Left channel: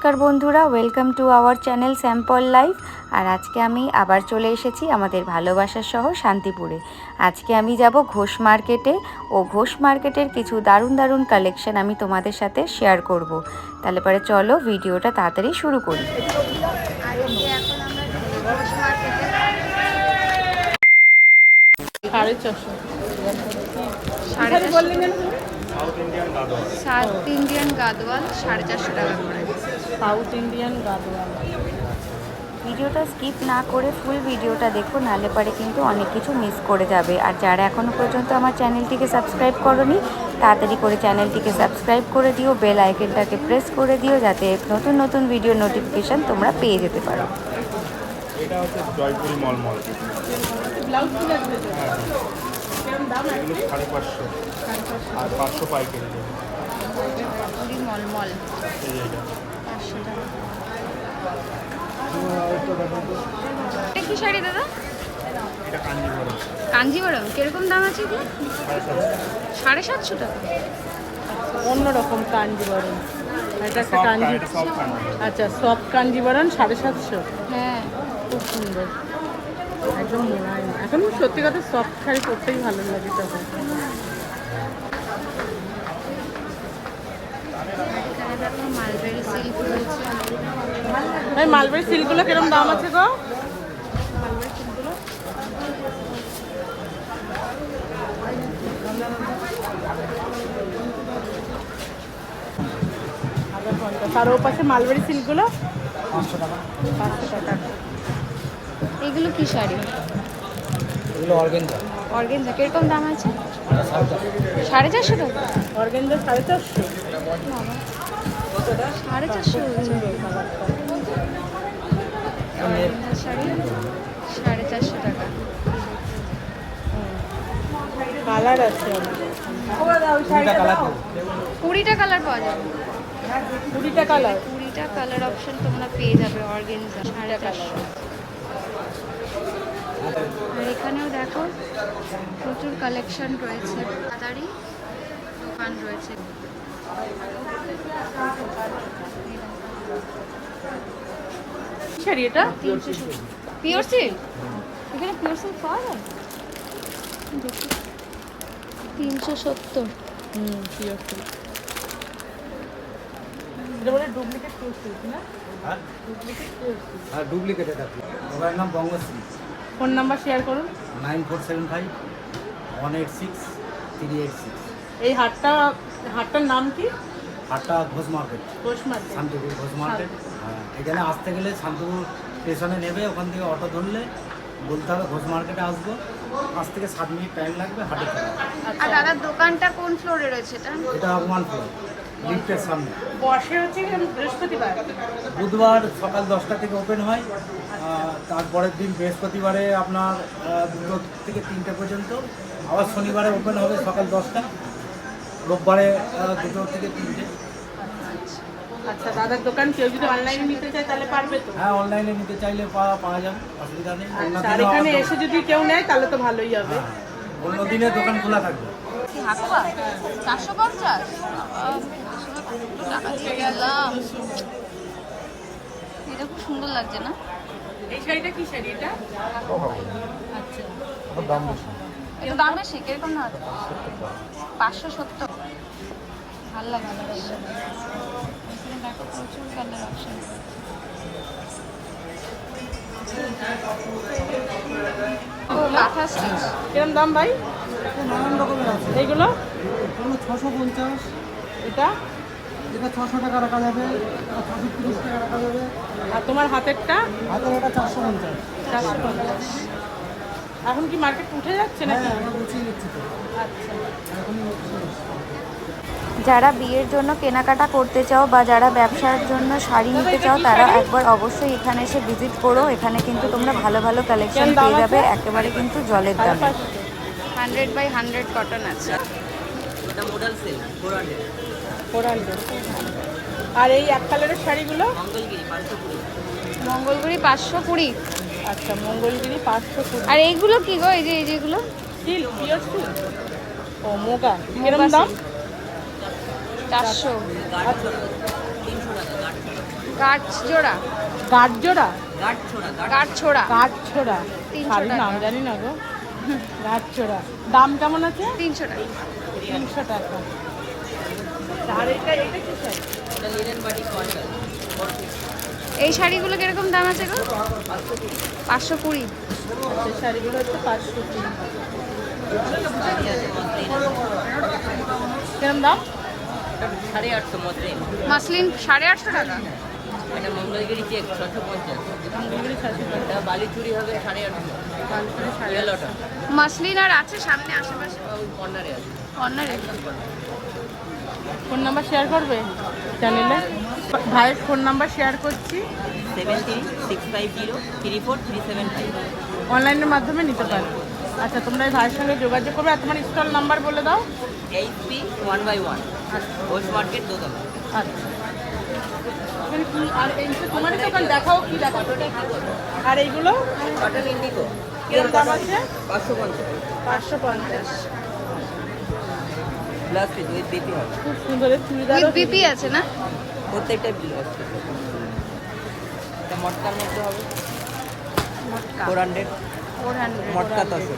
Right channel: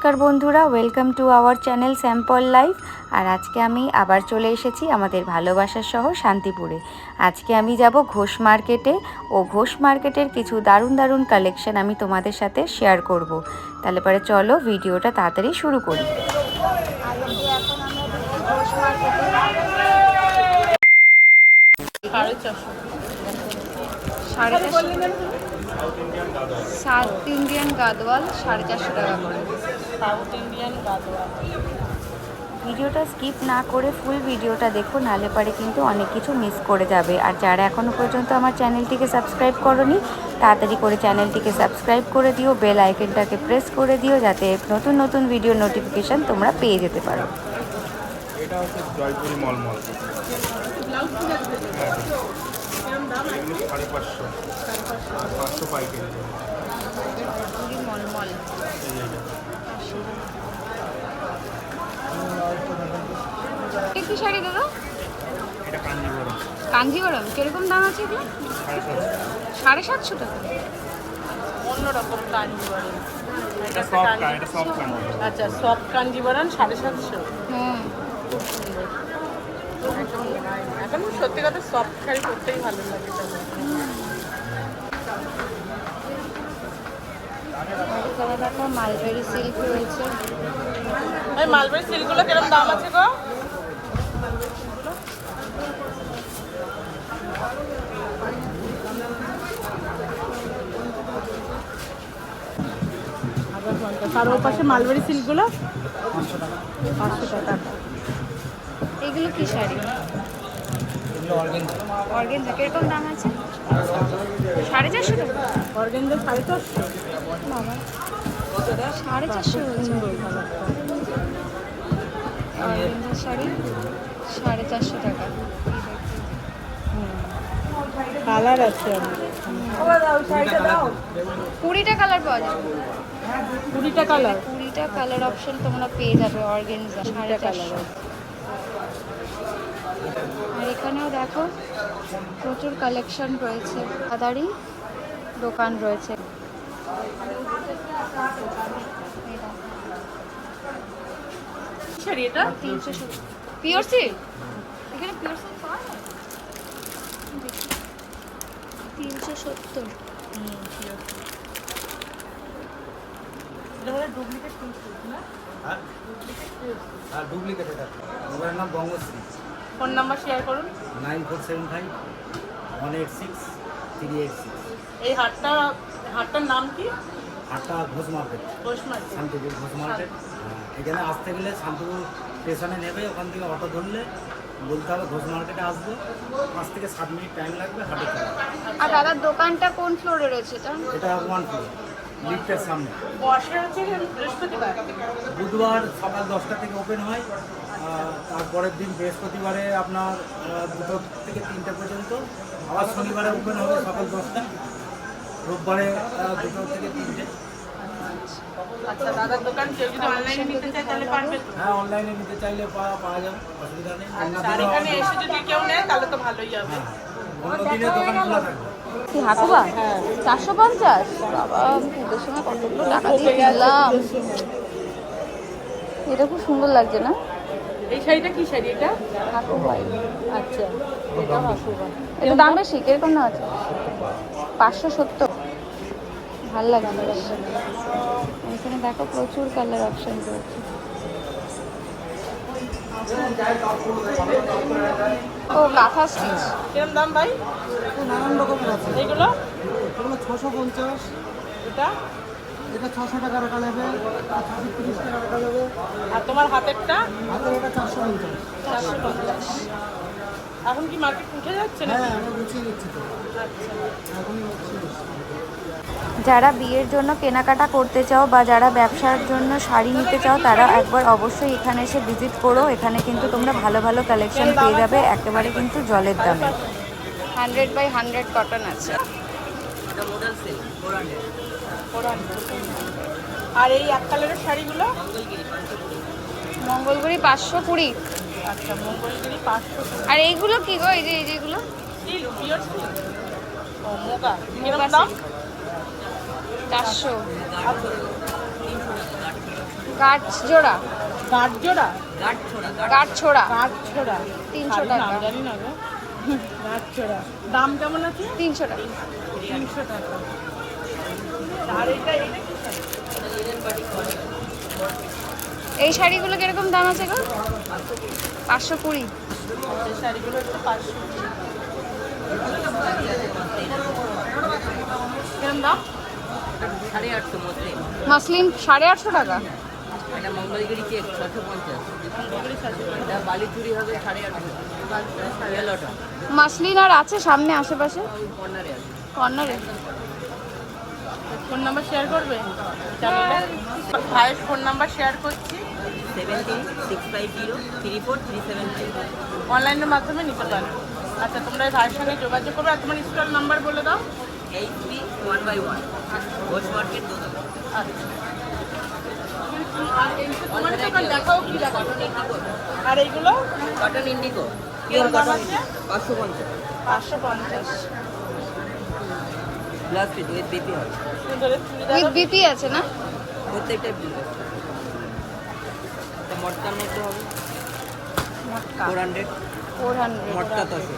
নমস্কার বন্ধুরা, welcome to our channel sample life. আর আজকে আমি আবার চলে এসেছি আমাদের ভালোবাসার শহর শান্তিপুরে। আজকে আমি যাব ঘোষ মার্কেটে ও ঘোষ মার্কেটের কিছু দারুণ দারুণ কালেকশন আমি তোমাদের সাথে শেয়ার করব। তাহলে পরে চলো ভিডিওটা তাড়াতাড়ি শুরু করি। আর এখন আমরা দেখছি ঘোষ মার্কেটে সাউথ ইন্ডিয়ান গাদওয়াল 450 টাকা করে। ভিডিওটা স্কিপ না করে ফুল ভিডিওটা দেখো, নাহলে পরে কিন্তু অনেক কিছু মিস করে যাবে। আর যারা এখনও পর্যন্ত আমার চ্যানেলটিকে সাবস্ক্রাইব করোনি, তাড়াতাড়ি করে চ্যানেলটিকে সাবস্ক্রাইব করে দিও, বেল আইকনটাকে প্রেস করে দিও, যাতে নতুন নতুন ভিডিও নোটিফিকেশান তোমরা পেয়ে যেতে পারো। এটা হচ্ছে জয়পুরি মলমল। হ্যাঁ, এগুলো 550 আর 500 পাইকারি। জয়পুরি মলমল কি শাড়ি দাদা? এটা কাঞ্জিভরম। কাঞ্জিভরম কিরকম দাম আছে এগুলো? 750 টাকা। অন্যরকম কাঞ্জিভরম। এটা সফট কাঞ্জিভরম। আচ্ছা, সফট কাঞ্জিভরম 750। হ্যাঁ, খুব সুন্দর। এখন সত্যি কথা সফট শাড়ি পরতেই ভালো লাগে। এখানে দেখো মালবেরি সিল্ক রয়েছে। মালবেরি সিল্কগুলো কিরকম দাম আছে গো? তার ওর পাশে মালবেরি সিল্কগুলো 500 টাকা। এগুলো কি শাড়ি? অর্গেনজা কিরকম দাম আছে? 450 টাকা। অর্গেনজা 450। বাবা, 450 অর্গেনজা শাড়ি 450 টাকা। কালার আছে 20টা কালার পাওয়া যাবে। 20টা কালার। 20টা কালার অপশন তোমরা পেয়ে যাবে অর্গেনজা 450। আর এখানেও দেখো প্রচুর কালেকশন রয়েছে, দাদারই দোকান রয়েছে। শাড়ি এটা 370 পিওর সিল্ক। এখানে পিওর সিল্ক পাওয়া যায় 370। Pure silk. এটা বলে ডুপ্লিকেট পিওর সিল্ক না? আর ডুপ্লিকেট এটা। মোবাইল নাম বঙ্গশ্রী। ফোন নাম্বার শেয়ার করুন। 9475 186 386। এই হাটটার নাম কি? হাটটা Ghosh market, Ghosh market. Shantipur Ghosh market. হ্যাঁ, এখানে আসতে গেলে শান্তিপুর স্টেশনে নেবে, ওখান থেকে অটো ধরলে বলতে হবে ঘোষ মার্কেটে আসবো। 5 থেকে 7 মিনিট টাইম লাগবে হাটে চলা। আর দাদার দোকানটা কোন ফ্লোরে রয়েছে এটা? এটা 1 ফ্লোর, লিফটের সামনে। বসে হচ্ছে বৃহস্পতিবার। বুধবার সকাল 10টা থেকে ওপেন হয়। তারপরের দিন বৃহস্পতিবারে আপনার 2টো থেকে 3টে পর্যন্ত। আবার শনিবারে ওপেন হবে সকাল 10টা। রোববারে 2টো থেকে 3টে। আচ্ছা, দাদার দোকান কেউ যদি অনলাইনে নিতে চায় তাহলে পারবে তো? হ্যাঁ, অনলাইনে নিতে চাইলে পাওয়া যাবে, অসুবিধা নেই। অন্য আর দিনও এখানে এসে যদি কেউ নেয় তাহলে তো ভালোই হবে। হ্যাঁ, অন্য দিনে দোকান খোলা থাকবে। কি হাতুয়া? 450। বাবা, ওদের সময় কতগুলো টাকা দিয়ে কিনলাম। এটা খুব সুন্দর লাগছে না? এই শাড়িটা কি শাড়ি এটা? আচ্ছা, এটা দাম বেশি, কিরকম দাম আছে? 570। ভালো লাগে না। এখানে দেখো প্রচুর কালার অপশন রয়েছে। ও কাঁথা স্টিচ। কিরম দাম ভাই? নানান রকমের আছে। এইগুলো? এগুলো 650। এটা? এটা 600 টাকা রাখা যাবে, 630 টাকা রাখা যাবে। আর তোমার হাতেরটা? হাতের এটা 450। এখন কি মার্কেট উঠে যাচ্ছে না? হ্যাঁ, আমরা গুছিয়ে নিচ্ছি তো এখনই। যারা বিয়ের জন্য কেনাকাটা করতে চাও বা যারা ব্যবসার জন্য শাড়ি নিতে চাও, তারা একবার অবশ্যই এখানে এসে ভিজিট করো। এখানে কিন্তু তোমরা ভালো ভালো কালেকশন পেয়ে যাবে, একেবারে কিন্তু জলের দামে। 100/100 কটন আছে। এটা মডেল সেল 400। আর এই এক কালারের শাড়িগুলো? মঙ্গলগিরি 520। মঙ্গলগুড়ি 520। আচ্ছা, মঙ্গলগিরি 520। আর এইগুলো কি গো? এই যে এইগুলো ও মোটা। মোগা কিরম দাম? সিল্ক 400। কাঠ জোড়া, গাঁট জোড়া, কাঠ ছোড়া গাঁট ছোড়া 300 টাকা। জানি না গো। গাঁট ছোড়া দাম কেমন আছে? 300 টাকা। 300 টাকা। আর এটা এটা কি এই শাড়িগুলো কিরকম দাম আছে গো? 520। শাড়িগুলো হচ্ছে 500। কিরকম দাম? 850 মসলিন। মাসলিন 850 টাকা। এটা মঙ্গলগিরি চেক 650। এটা বালি চুরি হবে 850। ইয়েলোটা মাসলিন আর আছে সামনে আশেপাশে ওই কর্নারে আছে। কর্নারে? ফোন নাম্বার শেয়ার করবে চ্যানেলে? ভাই ফোন নাম্বার শেয়ার করছি, 736503437। অনলাইনের মাধ্যমে নিতে পারো। আচ্ছা তোমরা এই ভাইয়ের সঙ্গে যোগাযোগ করবে। আর তোমার স্টল নাম্বার বলে দাও। HP 1/1 ঘোষ মার্কেট দোতলা। তুমি কি আর এই যে তোমার দোকান দেখাও, কি দেখাও? আর এইগুলো cotton Indigo pure cotton 550 550। Plus piece with BP হবে। সুন্দরের চুড়িদার উইথ বিপি আছে না? প্রত্যেকটা ব্লাউজ। এটা মটকার মধ্যে হবে মটকা 400 400। মটকা তসে।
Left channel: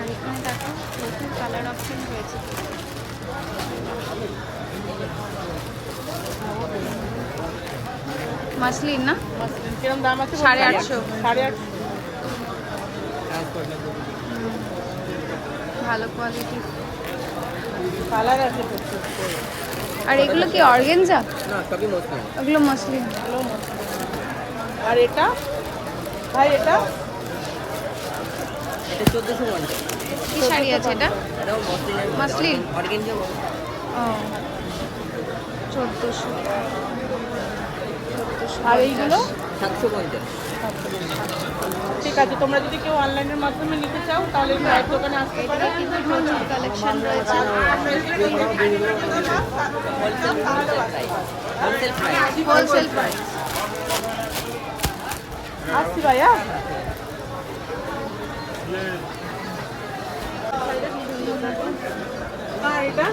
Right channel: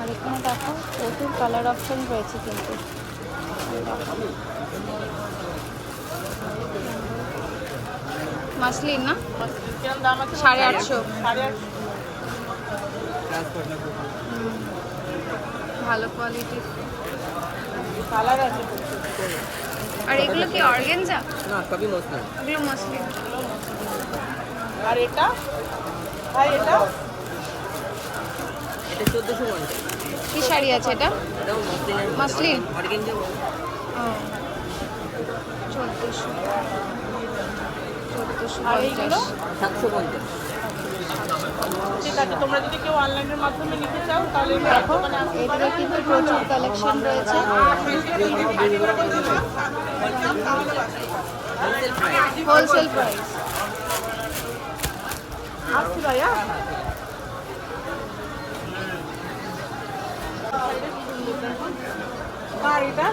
আর এখানে দেখো প্রচুর কালার অপশন রয়েছে কিন্তু। মাসলিন না? কিরকম দাম আছে? 850। 850। ট্রান্সপোর্ট ভালো কোয়ালিটির। কালার আছে তো। আর এগুলো কি অর্গানজা? না সবই মসলিন। ওগুলো মাসলিন। আর এটা ভাই এটা এটা 1450। কি শাড়ি আছে এটা? এটাও মসলিনের মসলিন? অর্গানজা ও 1400। আর এইগুলো 750। ঠিক আছে। তোমরা যদি কেউ অনলাইনের মাধ্যমে নিতে চাও তাহলে দেখো এদিকে কিন্তু প্রচুর কালেকশন রয়েছে। Wholesale price. Wholesale price. আসছি ভাইয়া। আর এটা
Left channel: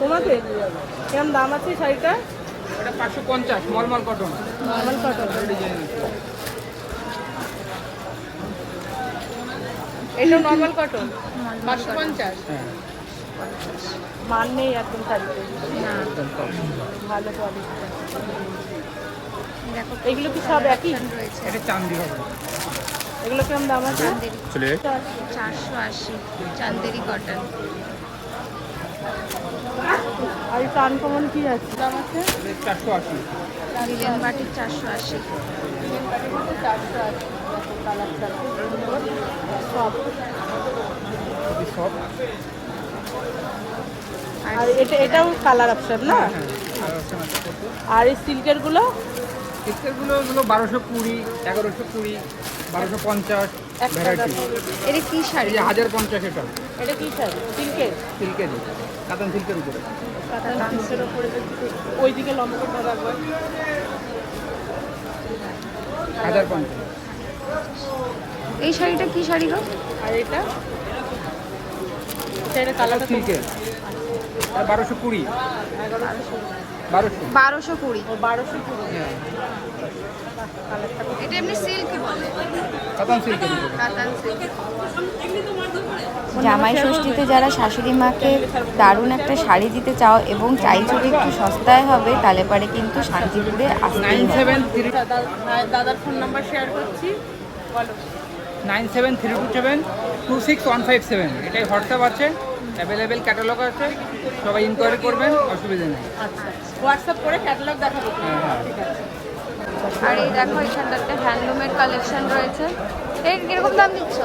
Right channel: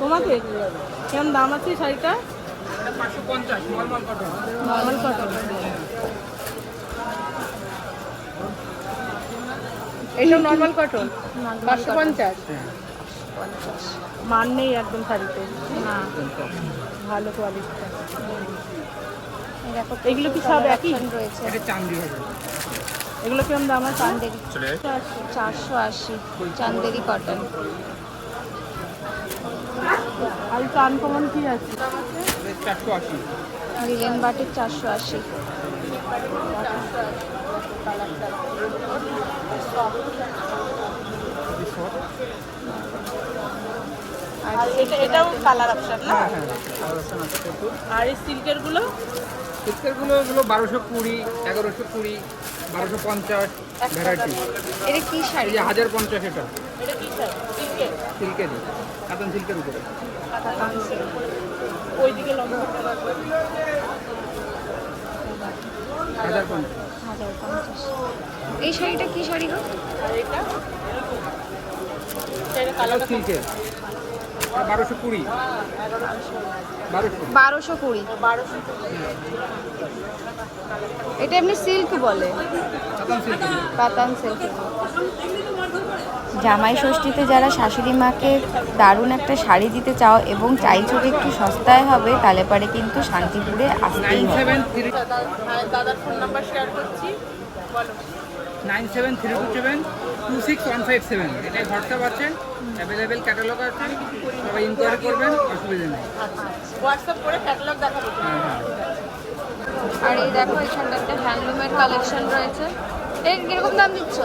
তোমাদের কেমন দাম আছে এই শাড়িটা? এটা 550 নরমাল কটন। Normal cotton. এটা নর্মাল কটন নরমাল কটন 550। হ্যাঁ 50। মান নেই একদম শাড়িতে, না ভালো কোয়ালিটি। এই দেখো এগুলো কি সব একই? অপশন রয়েছে। এটা চান্দি হবে। এগুলো কেমন দাম আছে? চান্দেরি চলে 480 চান্দেরি কটন। আর এটা আনকমন কি আছে? দাম আছে 480। Linen batik 480। সব আর আর এটা এটাও কালার অপশন না? হ্যাঁ আর এই সিল্কের গুলো এগুলো 1220 1120 1250 ভ্যারাইটি। এটা কি শাড়ি? এই যে 1050 এটা এটা কি শাড়ি? সিল্কের? সিল্কের কাতান সিল্কের উপরে কাতান সিল্ক। ওইদিকে লম্বা করে রাখবো। 1050। এই শাড়িটা কি শাড়ি গো? আর এটা এটা কালার কালার সিল্কের 1220 1200। 1220। 1200। এটা এমনি সিল্ক বলে, কাতান সিল্কের কাতান সিল্ক। জামাই ষষ্ঠীতে যারা শাশুড়ি মাকে দারুণ একটা শাড়ি দিতে চাও এবং চাইছো যে একটু সস্তায় হবে, তাহলে পরে কিন্তু শান্তিপুরে আসতেই হবে। 973 আর দাদার ফোন নাম্বার শেয়ার করছি, বলো। 97327 এটাই হোয়াটসঅ্যাপ আছে, অ্যাভেলেবেল ক্যাটালগ আছে, সবাই ইনকোয়ারি করবেন, অসুবিধা নেই। হোয়াটসঅ্যাপ করে ক্যাটালগ দেখাবো। হ্যাঁ হ্যাঁ আর এই দেখো এখানটাতে হ্যান্ডলুমের কালেকশন রয়েছে। এই কিরকম দাম দিচ্ছ?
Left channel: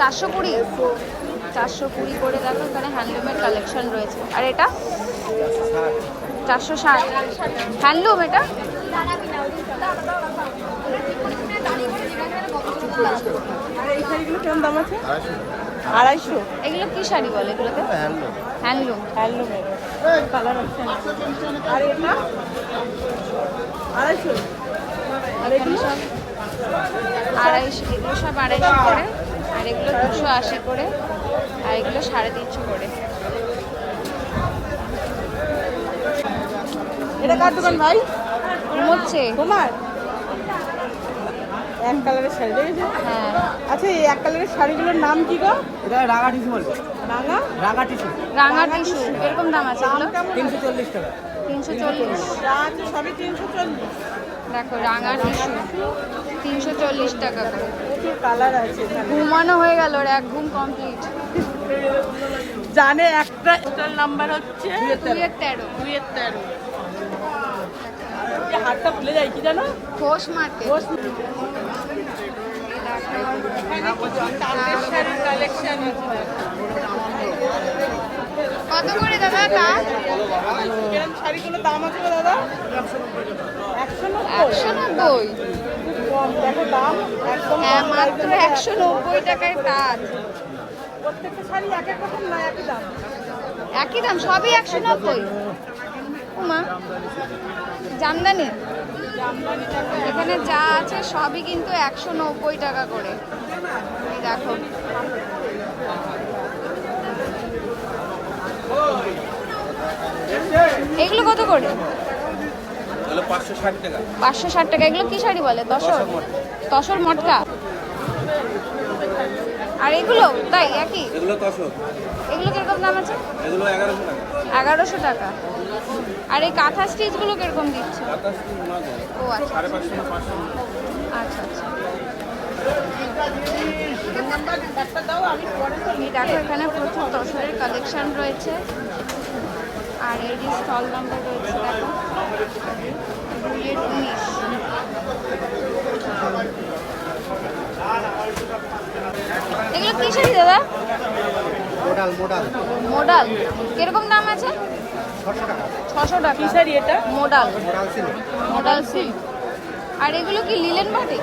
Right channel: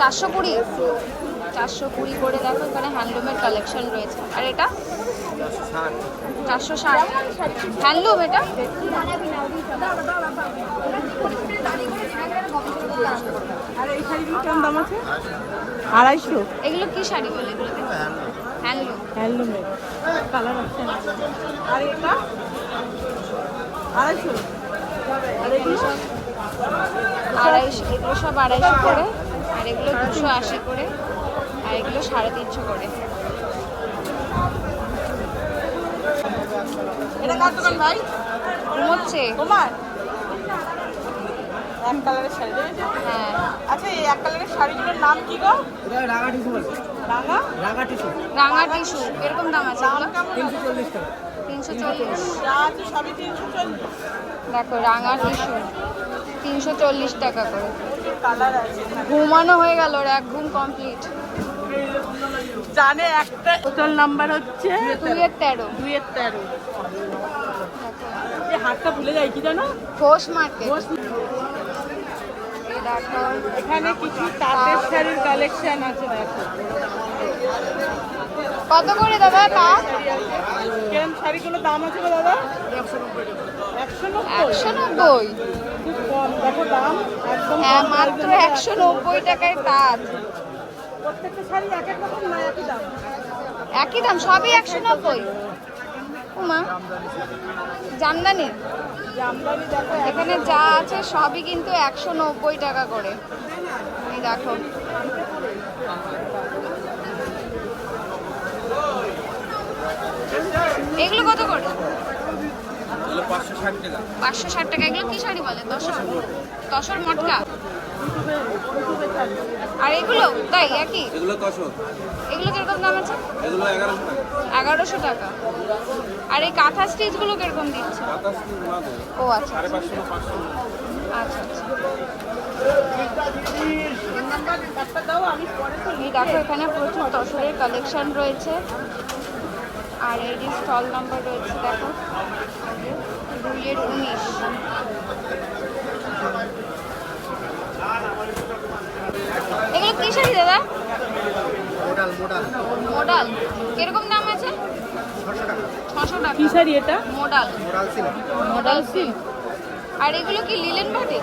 420। 420 করে দেখো এখানে হ্যান্ডলুমের কালেকশন রয়েছে। আর এটা 460 হ্যান্ডলুম। এটা আর এই শাড়িগুলো কেমন দাম আছে? 250। এগুলো কি শাড়ি বলে এগুলোকে? হ্যান্ডলুম। হ্যান্ডলুমের কালার অপশন। আর এটা 250। আর এগুলো সব 250, এগুলো সব 250 করে, আর এগুলো 280 করে, আর এগুলো 350 করে। এটা কার দোকান ভাই? ঘুমোচ্ছে। তোমার এক কালারের শাড়ি দেখেছো? হ্যাঁ, আচ্ছা এই এক কালারের শাড়িগুলোর নাম কি গো? এটা রাঙা টিস্যু বলবে, রাঙা রাঙা টিস্যু, রাঙা টিস্যু। এরকম দাম আছে এগুলো? 340 টাকা। 340। যা আছে সবই 340। দেখো রাঙা টিস্যু 340 টাকা করে। কালার আছে ঘুমানো হয়ে গেল, ওর এক ঘুম কমপ্লিট। জানে একটা হোটেল নাম্বার হচ্ছে 2-13। 2-13। এই হাতটা ভুলে যাই কি জানো? ঘোষ মার্কেট। এই দেখো এখানে কিছু তাঁতের শাড়ির কালেকশন আছে দেখো। কত করে দাদা তার? কেরম শাড়িগুলোর দাম আছে গো দাদা? 190 টাকা। 190। খুব কম দেখো দাম একদম হ্যাঁ, কম মাত্র price এর 190 টাকায় তার। প্রত্যেকটা শাড়ি এক এক রকম না একই দাম। একই দাম, সবই 190। ওমা, জামদানি এখানে যা আছে সবই কিন্তু 190 টাকা করে। এই দেখো এগুলো কত করে? 560 টাকা। 560 টাকা। এগুলো কি শাড়ি বলে? তসর মটকা। আর এগুলো তাই একই? এগুলো 1000, এগুলো কিরকম দাম আছে? এগুলো 1100 টাকা। 1100 টাকা। আর এই কাঁথা স্টিচগুলো কিরকম দিচ্ছে? বাতাস না দেয়, ও আচ্ছা 550 না 500। আচ্ছা আচ্ছা। একটা দাও আমি পরে এই দেখো এখানে প্রচুর তসরের কালেকশন রয়েছে। আর এই যে স্টল নাম্বার রয়েছে দেখো 2-19। এগুলো কি শাড়ি দাদা? Modal modal modal. কিরকম দাম আছে? 600 টাকা। 600 টাকা। কি শাড়ি এটা? Modal. Modal silk, modal silk. আর এগুলো কি linen batik?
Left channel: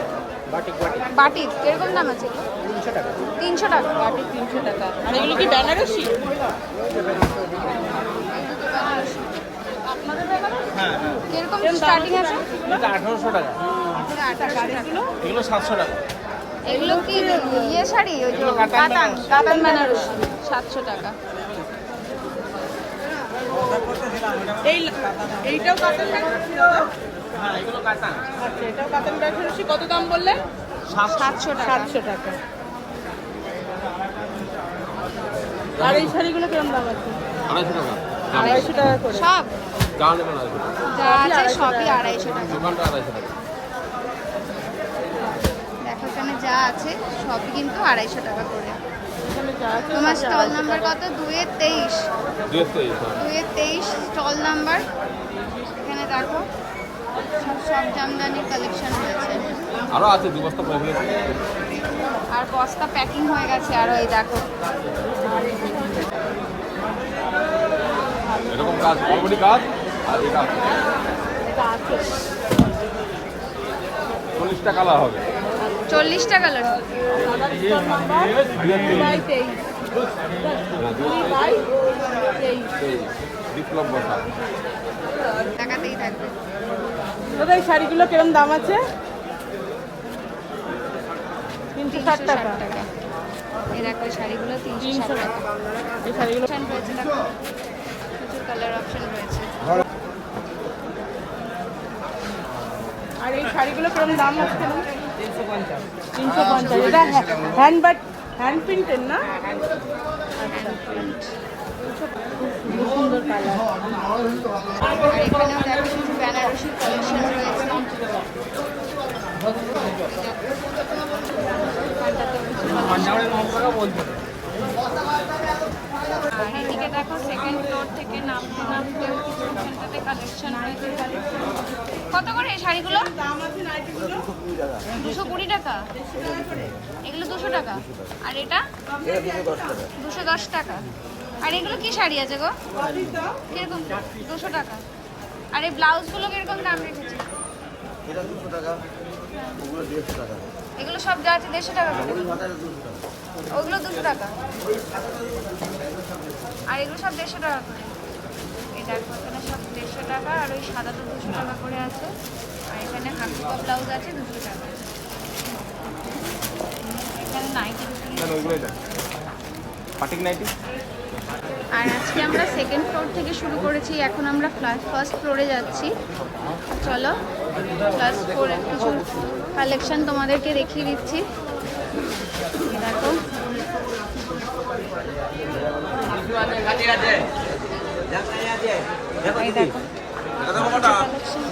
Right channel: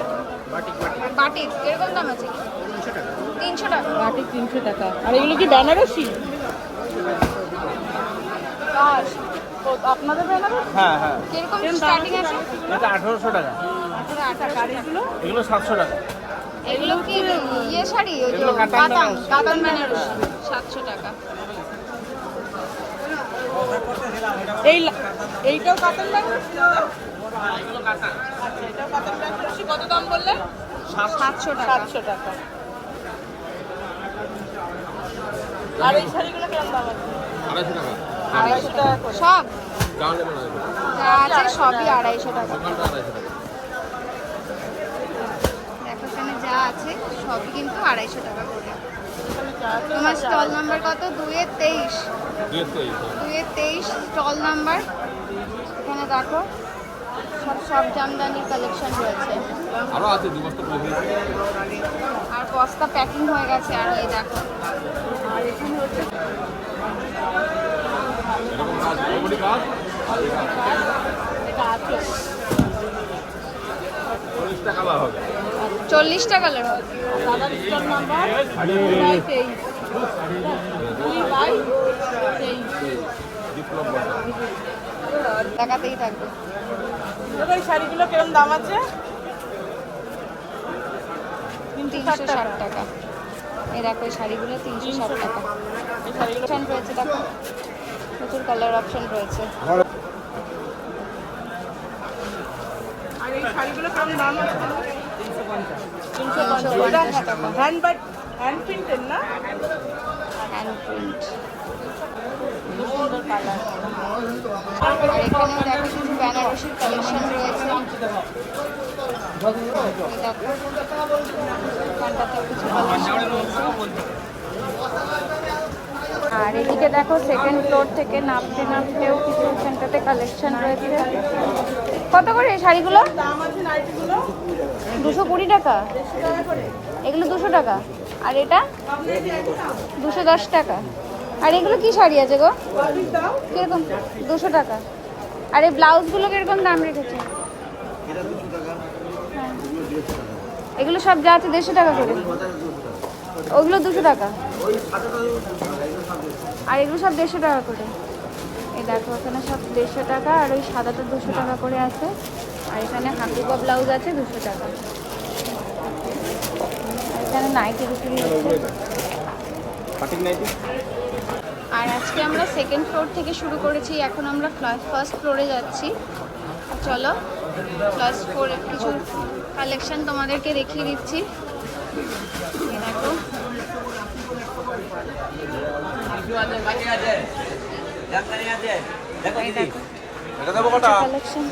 Batik batik batik কিরকম দাম আছে এগুলো? 300 টাকা। 300 টাকা। বাটি 300 টাকা। আর এগুলো কি বেনারসি? আপনাদের বেনারসি? হ্যাঁ হ্যাঁ, কিরকম স্টার্টিং আছে? এটা 1800 টাকা। 18 টাকা। আর এগুলো? এগুলো 700 টাকা। এগুলো কি ইয়ে শাড়ি? ওই যে কাতান বেনারসি 700 টাকা। এইটাও কাতান বেনারসি? আচ্ছা এটাও কাতান বেনারসি। কত দাম বললেন? 700 টাকা। 700 টাকা। আর এই শাড়িগুলো কেমন দাম আছে? 250 টাকা। 250 টাকা সব যা নেবেন 250 টাকা। যা আছে সবই 250 টাকা। দোকানটা 250 টাকা। দেখো এখানে যা আছে সবই কিন্তু 250 টাকা করে। তোমার স্টল নাম্বার কত? 2-23। 2-23 স্টল নাম্বার। এখানে দেখো সব জামদানি কালেকশন রয়েছে। আরো আছে 2 বস্তা প্রবলেম। আর বস্তা প্যাকিং হয়ে গেছে। আর এই দেখো এরকম কাজ, অলরেডি কাজ আর এটা আছে। এটা আছে 40 টাকা কালা হবে। 40 টাকা লাগবে। দাদার স্টল নাম্বার 2/23। 2/23। বিপ্লব বসা। টাকাতেই থাকবে। দাদা এই শাড়িগুলো কিরকম দাম আছে? 360 টাকা। এই দেখো এই শাড়িগুলো 360 টাকা। এই শাড়িগুলো অপশন রয়েছে দেখো, প্রচুর কালার অপশন রয়েছে। আর এই শাড়িগুলো কেমন দাম আছে? 350 টাকা। হ্যান্ড প্রিন্টের না? Hand print. সুন্দর কালার। আর এখানেও দেখো কিছু বেনারসির কালেকশন রয়েছে। এই দেখো এখানটাতেও কিছু কালেকশন রয়েছে। আর এদিকে দেখো সেকেন্ড ফ্লোর থেকে নামতে নামতেও কিছু এখানটাতে কালেকশন রয়েছে। কত করে এই শাড়িগুলো? দাম আছে নাইটিগুলো 220 টাকা। এগুলো 200 টাকা। আর এটা 210 টাকা। আর এগুলো কি শাড়ি আছে গো? কিরকম? 200 টাকা। আর এই ব্লাউজগুলো কিরকম দাম রেখেছে? এটা 200 টাকা, ওগুলো 150 টাকা। এগুলো সব যা আছে 150 টাকা করে। ওগুলো 200 টাকা। আর এগুলো সব 150 টাকা করে। এই দেখো ওখানে সব 150 টাকা। আর ওই সাদাটা 200 টাকা করে আছে। আর এখানে হাতুকা ব্লাউজ আছে 200 টাকা। এখানে নাইটির উপরে পাটিক নাইটি আর আজকে আমরা সেকেন্ড ফ্লোর থেকে শুরু করেছি, এখন আমরা ফার্স্ট ফ্লোরে যাচ্ছি। চলো ফার্স্ট ফ্লোরে কিছু কালেকশন তোমাদেরকে দেখিয়ে দিচ্ছি। এই দেখো, এই দেখো কালেকশন।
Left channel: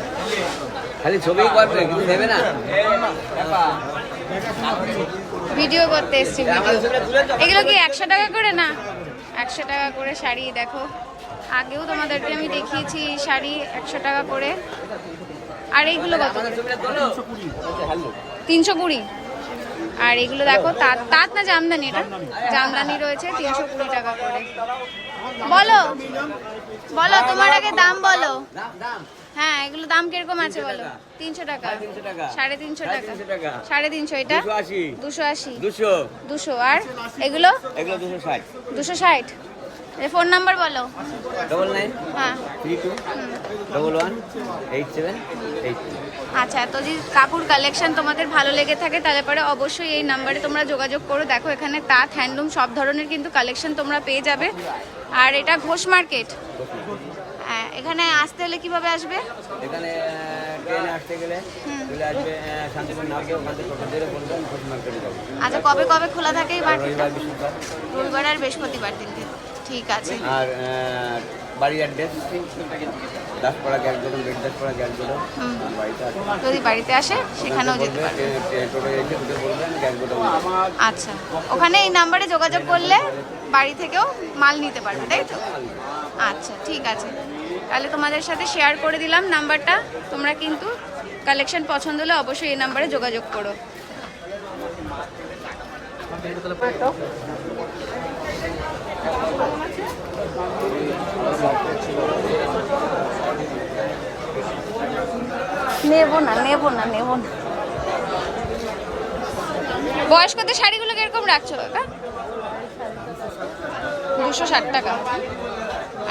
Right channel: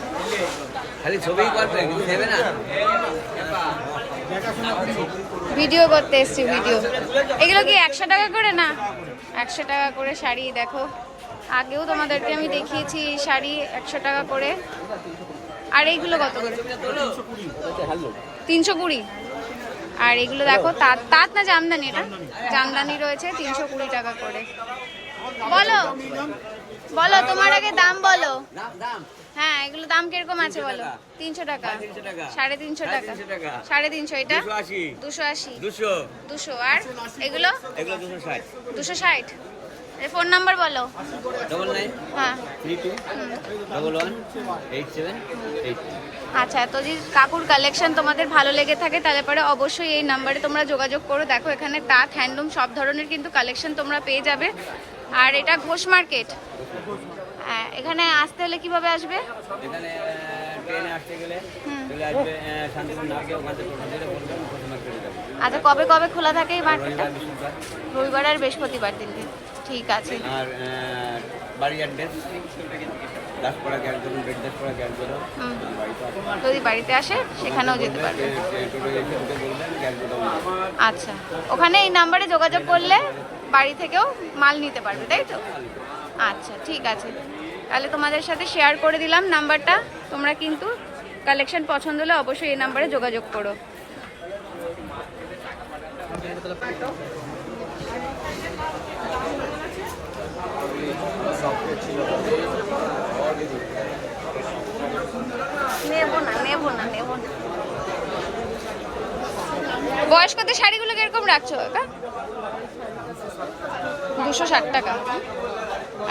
ভিডিও করতে এসছি, ভিডিও। এগুলো কি 100 টাকা করে? না, 100 টাকা করে শাড়ি। দেখো, আগেও তোমাদেরকে আমি দেখিয়েছি শাড়ি 100 টাকা করে। আর এইগুলো কত করে? 320। আর এগুলো দেখো তাঁত, তাঁত না জামদানি? এটা জামদানি রয়েছে 320 টাকা করে। বলো বলো তোমার আগে দাম বলো। হ্যাঁ, এগুলো দাম কিরকম আছে বলো? 300 টাকা, 350 টাকা, 350। এটা 280, 200। আর এগুলো 260। ফোন নাম্বার বলো। 99 হ্যাঁ 32 11 8783। আচ্ছা, তো যদি কাপড় কালেকশন তোমাদের ভালো লেগে থাকে তাহলে পরে অবশ্যই এই নাম্বারে তোমরা যোগাযোগ করো। দেখো, এখানে তাঁত, হ্যান্ডলুম সব ধরনের কিন্তু কালেকশন তোমরা পেয়ে যাবে। আর এটা ঘোষ মার্কেট। এখানে আসতে হলে কিভাবে আসবে? এখানে ট্রেনে আসতে গেলে চলে আসবে শান্তিপুর নামবে, ওখান থেকে টোটো ধরে বলবেন ঘোষ মার্কেটে যাবো। আচ্ছা, কবে কবে খোলা থাকে এই মার্কেটটা? বৃহস্পতিবার, রবিবার আর বৃহস্পতিবার দিনকে। ঠিক আছে। আর বাড়ির অ্যাড্রেস দাসপাড়া গ্যাসগোডাউন, বেড দাসপাড়া গ্যাসগোডাউন। বাড়িতে আসবে, যদি বাড়িতে আসে সেখানেও যেতে পারবে। টোটো এসে ঢুকে বলবেন গ্যাসগোডাউন। আচ্ছা, ওখানে এই নাম্বারে যোগাযোগ করলে বাড়ি থেকেও মাল নিতে পারবে, তাই তো? আচ্ছা, ঠিক আছে। তাহলে তোমাদের সাথে শেয়ার করে দিলাম নাম্বারটা। তোমরা কিন্তু কালেকশন পছন্দ হলে অবশ্যই এই নাম্বারে যোগাযোগ করো। নেবো না। বয়স্কদের শাড়িগুলো কিরকম রাখছো কাকা? 260 টাকা।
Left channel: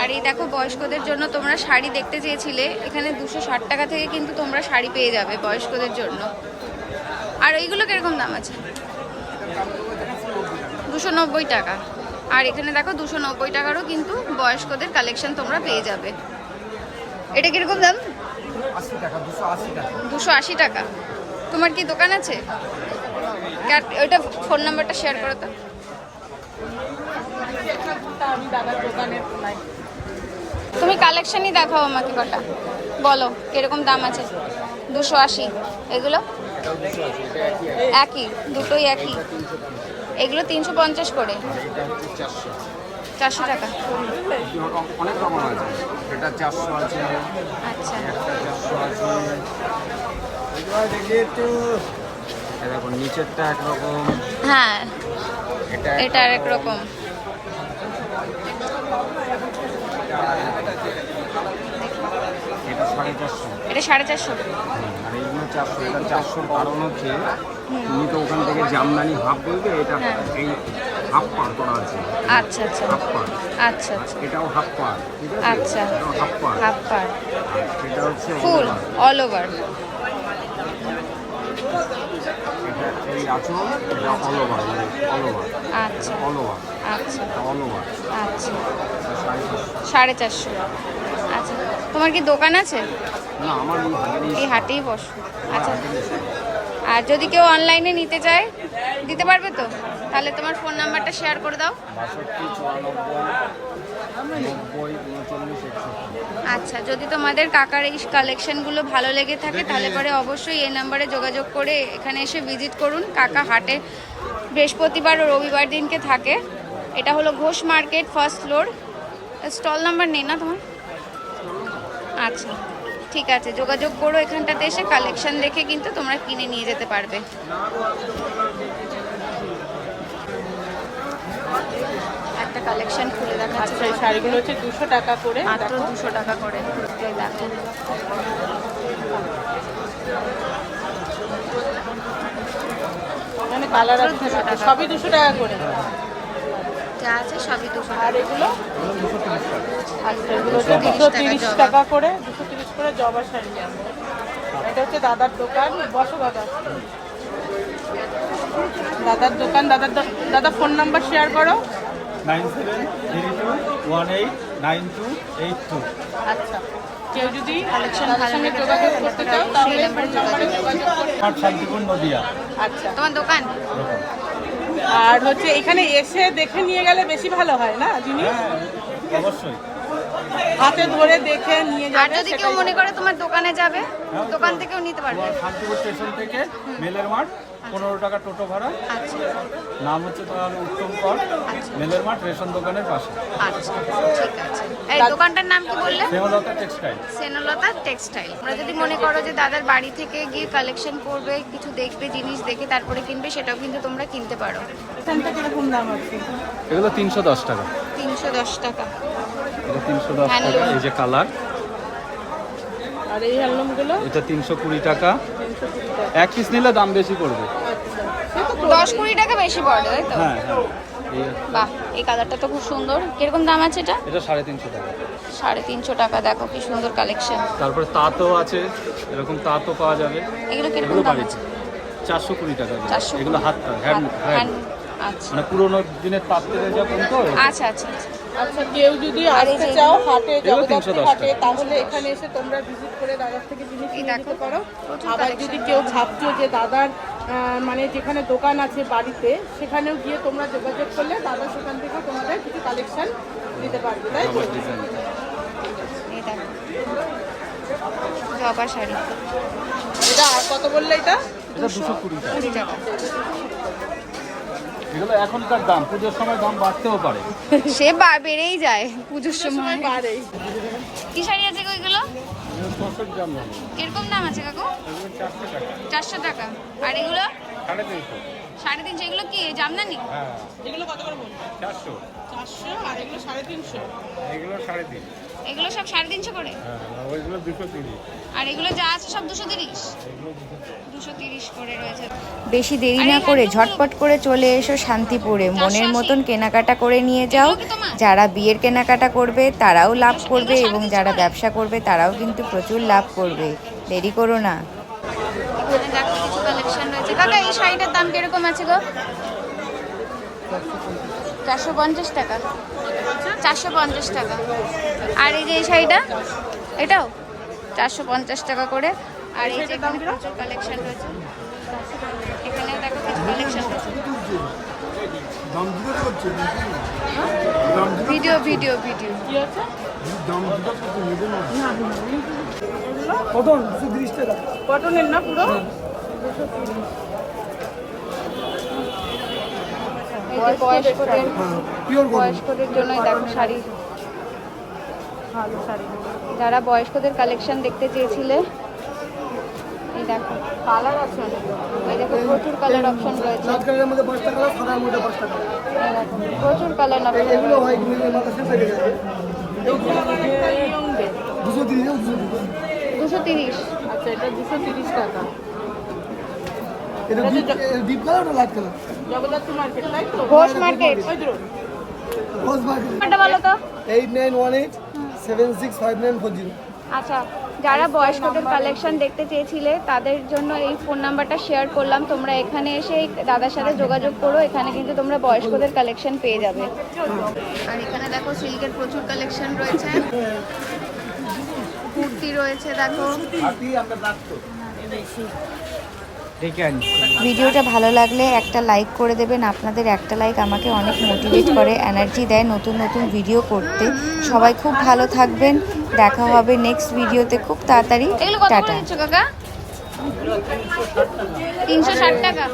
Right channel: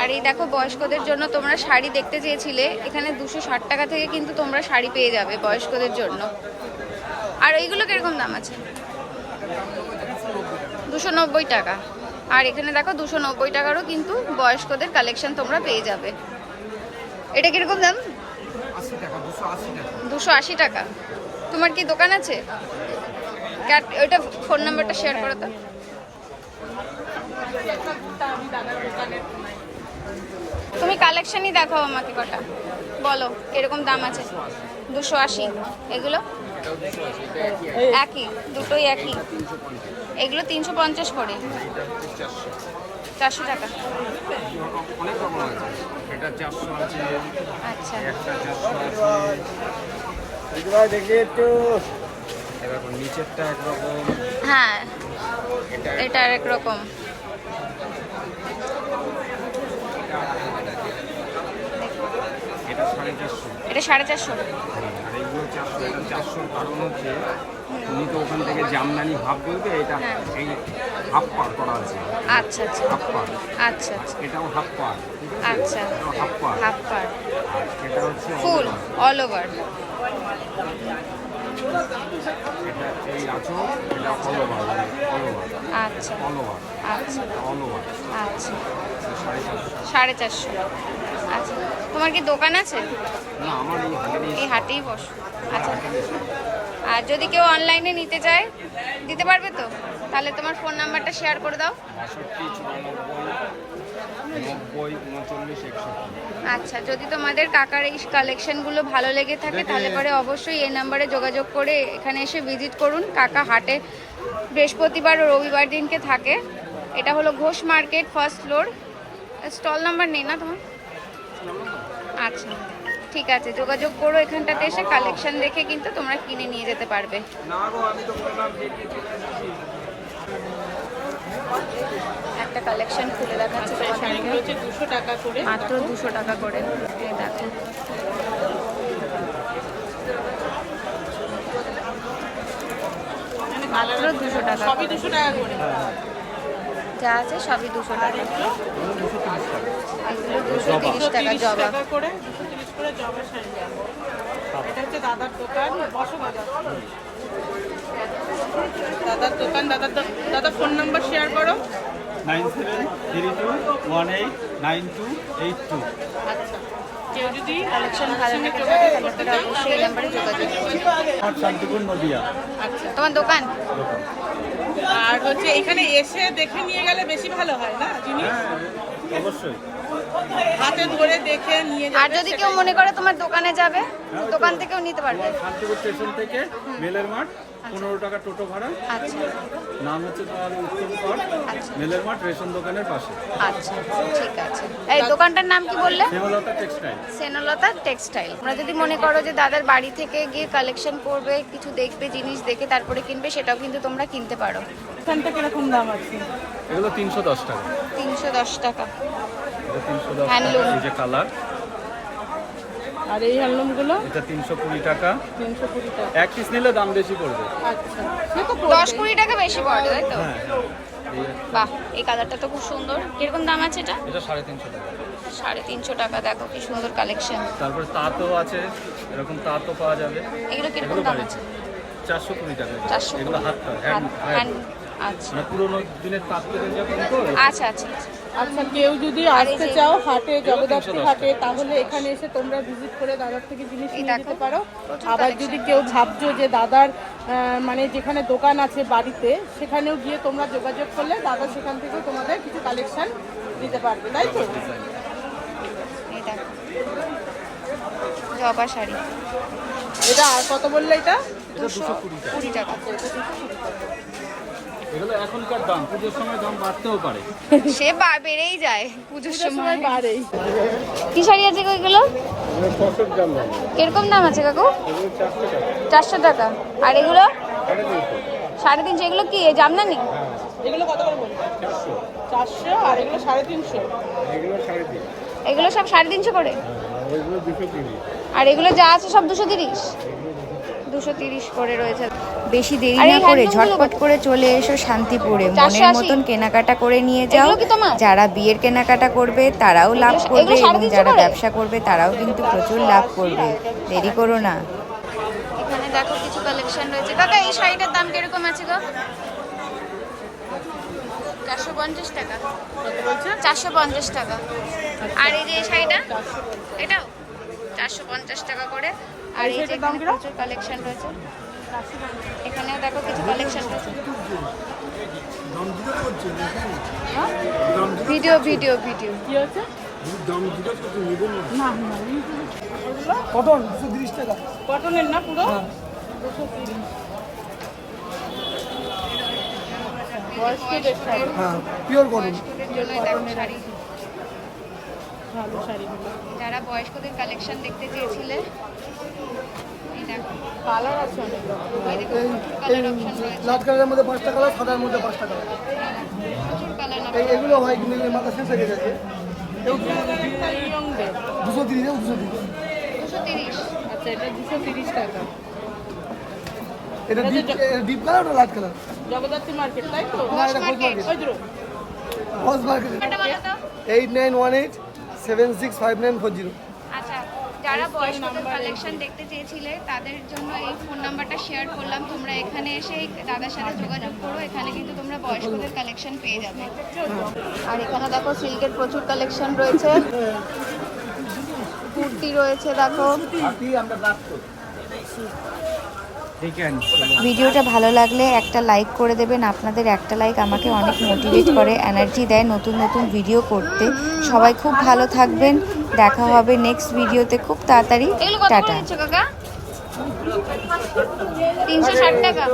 আর এই দেখো, বয়স্কদের জন্য তোমরা শাড়ি দেখতে চেয়েছিলে, এখানে 260 টাকা থেকে কিন্তু তোমরা শাড়ি পেয়ে যাবে বয়স্কদের জন্য। আর এইগুলো কিরকম দাম আছে? 290 টাকা। আর এখানে দেখো 290 টাকারও কিন্তু বয়স্কদের কালেকশন তোমরা পেয়ে যাবে। এটা কিরকম দাম? 280 টাকা। তোমার কি দোকান আছে? ওইটা ফোন নাম্বারটা শেয়ার করো তো। তুমি কালেকশনই দেখাও আমাকে কটা, বলো কিরকম দাম আছে। 280। এগুলো একই, দুটোই একই। এগুলো 350 করে, 400 টাকা। অনেক রকম আছে, এটা 400 আছে, আচ্ছা, একটা 400 আছে। এরকম নিচেরটা একরকম, হ্যাঁ এটা আর এক রকম। এটা 450, এটা 450। আর এইগুলো 400। এটা 400 কারণ হচ্ছে তুমি তো ওখান থেকে জামদানি হাফ বলবে, এটা এই হাফ পার করা আছে। আচ্ছা আচ্ছা হাফ পার, আচ্ছা আচ্ছা এটাও হাফ পার, ঠিক আছে? আচ্ছা, এটাও হাফ পার, হাফ পার। আর এটা হচ্ছে ফুল অল ওভার। এটা এই আঁচল, এটা অল ওভার, অল ওভার। আচ্ছা অল ওভার, আচ্ছা এটা অল ওভার। আচ্ছা, 450। 450। আচ্ছা, তোমার কি দোকান আছে? না, আমার এই হাটেরই, এই হাটেই বস। আচ্ছা, হাটেরই। আর যদি কেউ অনলাইনে নিতে চায় দিতে পারবে তো? তাহলে তোমার ফোন নাম্বারটা শেয়ার করে দাও। 62 94 90 39 61। আচ্ছা, যদি তোমাদের কাকার এই কালেকশনগুলো ভালো লেগে থাকে তাহলে পরে অবশ্যই এই নাম্বারে যোগাযোগ করে এখানে এসে ভিজিট করুন। কাকা হাটে বৃহস্পতিবার ও রবিবার দিনকে থাকে। এটা হলো Ghosh market, first floor. Stall number নেই না তোমার? আচ্ছা, ঠিক আছে, যোগাযোগ করো। এখানটাতে এসে কালেকশন দেখে কিন্তু তোমরা কিনে নিয়ে যেতে পারবে। একটা কালেকশন খুলে দেখাচ্ছি তোমাদেরকে, 200 টাকা করে। মাত্র 200 টাকা করে। এই দেখো, মাত্র 200 টাকা। সবই 200 টাকা করে। যা আছে সবই 200 টাকা। এগুলো 230 টাকা। 230 টাকা 230 জবা। টাকা করে, 230 করে জবা শাড়ি। এটা হচ্ছে দাদার দোকান, বসো দাদা। দাদার দোকান, দাদা ফোন নাম্বার শেয়ার করো। 9732189282। আচ্ছা, কেউ যদি কালেকশন ভালো লেগে থাকে তাহলে পরে অবশ্যই এই নাম্বারে যোগাযোগ করবে। শান্তিপুর নদিয়া। আচ্ছা, তোমার দোকান? আর হচ্ছে এখানে এসে দেখে নিয়ে গেলে বেশি ভালো হয় না জিনিস? অবশ্যই। হাতে ধরে দেখে নিয়ে আর যদি কেউ মনে করে তোমার দোকানে যাবে, দোকান থেকেও নিতে পারবে। শান্তিপুর স্টেশন থেকে মেলের মাঠ, 15 টাকা টোটো ভাড়া। আচ্ছা নাম হচ্ছে তোমার উত্তম কর, আচ্ছা মেলের মাঠ রেশন দোকানের পাশে। আচ্ছা, ঠিক আছে। এই দোকানটার নাম কি বললে? দেবলতা টেক্সটাইল। সেনলতা টেক্সটাইল। আমরা যদি মনে করো যে দাদার বাড়ি থেকে গিয়ে কালেকশন করবে, কিছু দেখবে, জিনিস দেখে তারপরে কিনবে, সেটাও কিন্তু তোমরা কিনতে পারো। এখান থেকে এরকম দাম আছে। এগুলো 310 টাকা। 310 টাকা। এটা 310 টাকা। হ্যান্ডলুম। এই যে কালার, আর এই হ্যান্ডলুমগুলো এটা 320 টাকা। এক পিস নিলে দাম বেশি পড়বে। 10-20 টাকা বেশি পড়ে, তাই তো? হ্যাঁ হ্যাঁ। এই একটা। বাহ, এই কালারটা তো খুব সুন্দর। কিরকম দাম আছে এটা? এটা 350 টাকা। 350 টাকা। দেখো কি সুন্দর কালেকশন। তারপর তাঁতও আছে, এরকম তাঁতও পাওয়া যাবে। এগুলো কিরকম এগুলো দাম বাড়িতে আছে? 420 টাকা। 420 এগুলো হাত হ্যান্ড। আচ্ছা মানে পুরোনো দিনের তাঁত থেকে যখন তো আচ্ছা আচ্ছা আচ্ছা। আচ্ছা, কেউ যদি আর এই আসতে যে- চাও হাটে, জগদ্ধাত্রী 310 হাটে, তাহলে এখানে এসে তোমরা ভিজিট করে দাদার থেকে জিনিস এই নিয়ে দেখো, যেতে পারো। প্রচুর আবার collection। যদি কেউ ভাবছো যে দাদার মানে যেখানে দোকান আছে বাড়িতে, সেখানেও গিয়ে তোমরা যোগাযোগ করলে দাদা সেখান থেকে তোমাদের কিছু কালেকশন দিতে পারবে, তাই তো? এই দেখো জবা শাড়ি, এটা আর কত বললে এটা? 220 টাকা। এগুলো এখনকার দাম, পুজোর সময় দাম বাড়তেও পারে। সে বেড়েই যায় পুজোর সময়। পারেই। কি শাড়ি আছে গো এগুলো? কিরকম দাম আছে কাকু? 400 টাকা। আর এগুলো 350। এগুলো কি জামদানি? এগুলো কত করে বলবো? 400। আর এগুলো 350। এগুলো সব 350 করে। আর এগুলো যা আছে সব 230। 230 করে রয়েছে। বেশি দেরি না করে ঝটপট করে চলে এসো শান্তিপুরে। মনের মতন কেনাকাটা করে নিয়ে যাও। যারা বিয়ের কেনাকাটা করবে তারাও লাভ করবে, এবং যারা ব্যবসা করবে তারাও কিন্তু প্রচুর লাভ করবে। দেরি করো না। এখানে দেখো কিছু কালেকশন রয়েছে। কাকা, এই শাড়িটার দাম কিরকম আছে গো? 450 টাকা। 450 টাকা। আর এই যে এই শাড়িটা, এটাও 450 টাকা করে। আর এই যে এখানে প্রচুর কালেকশন রয়েছে। এখানেও দেখো কিছু কালেকশন রয়েছে। ভিডিও ভিডিও ভিডিও কি হচ্ছে? কটনের না পুরো? এই যে বয়স্কদের জন্য দেখো শাড়ি। ভালো শাড়ি। যারা বয়স্কদের কালেকশন দেখতে চেয়েছিলে, এই দেখো কালার আছে অনেক। এই দেখো প্রচুর কালার অপশন রয়েছে। কালারের মধ্যে 5টা কালার, সাদার মধ্যে 5টা কালার। এই দেখো, প্রচুর কালার অপশন এগুলো রয়েছে। হয় কিন্তু মাথা শেষ হয়ে গেছে। 230। আচ্ছা, এটা 230 টাকা। এটা ডিপ কালার না লাইট কালার? জগদ্ধাত্রী মার্কেট, তাই তো? ঘোষ মার্কেট। ওই তো। ফলস মার্কেট। নাম্বারটা বলো তো। 8918765940। আচ্ছা, যারা বয়স্কদের কালেকশন দেখতে চেয়েছিলে তাদের জন্য এই ফোন নাম্বারটা শেয়ার করলাম। তোমরা এখানে এসে এই দাদার সাথে যোগাযোগ করো। এখানে কিন্তু তোমরা বয়স্কদের কালেকশন পেয়ে যাবে। আর এখানে দেখো সিল্কের প্রচুর কালেকশন রয়েছে। কুর্তি রয়েছে দেখো। ভিডিওটা ভালো লাগলে একটা লাইক করে দেবেন। আপনাদের একটা লাইক আমাকে অনেক মোটিভেট করে, এনার্জি দেয় নতুন নতুন ভিডিও করতে। সবাই খুব ভালো থাকবেন। দেখা হবে নেক্সট ভিডিওতে খুব তাড়াতাড়ি। টাটা। 360 টাকা।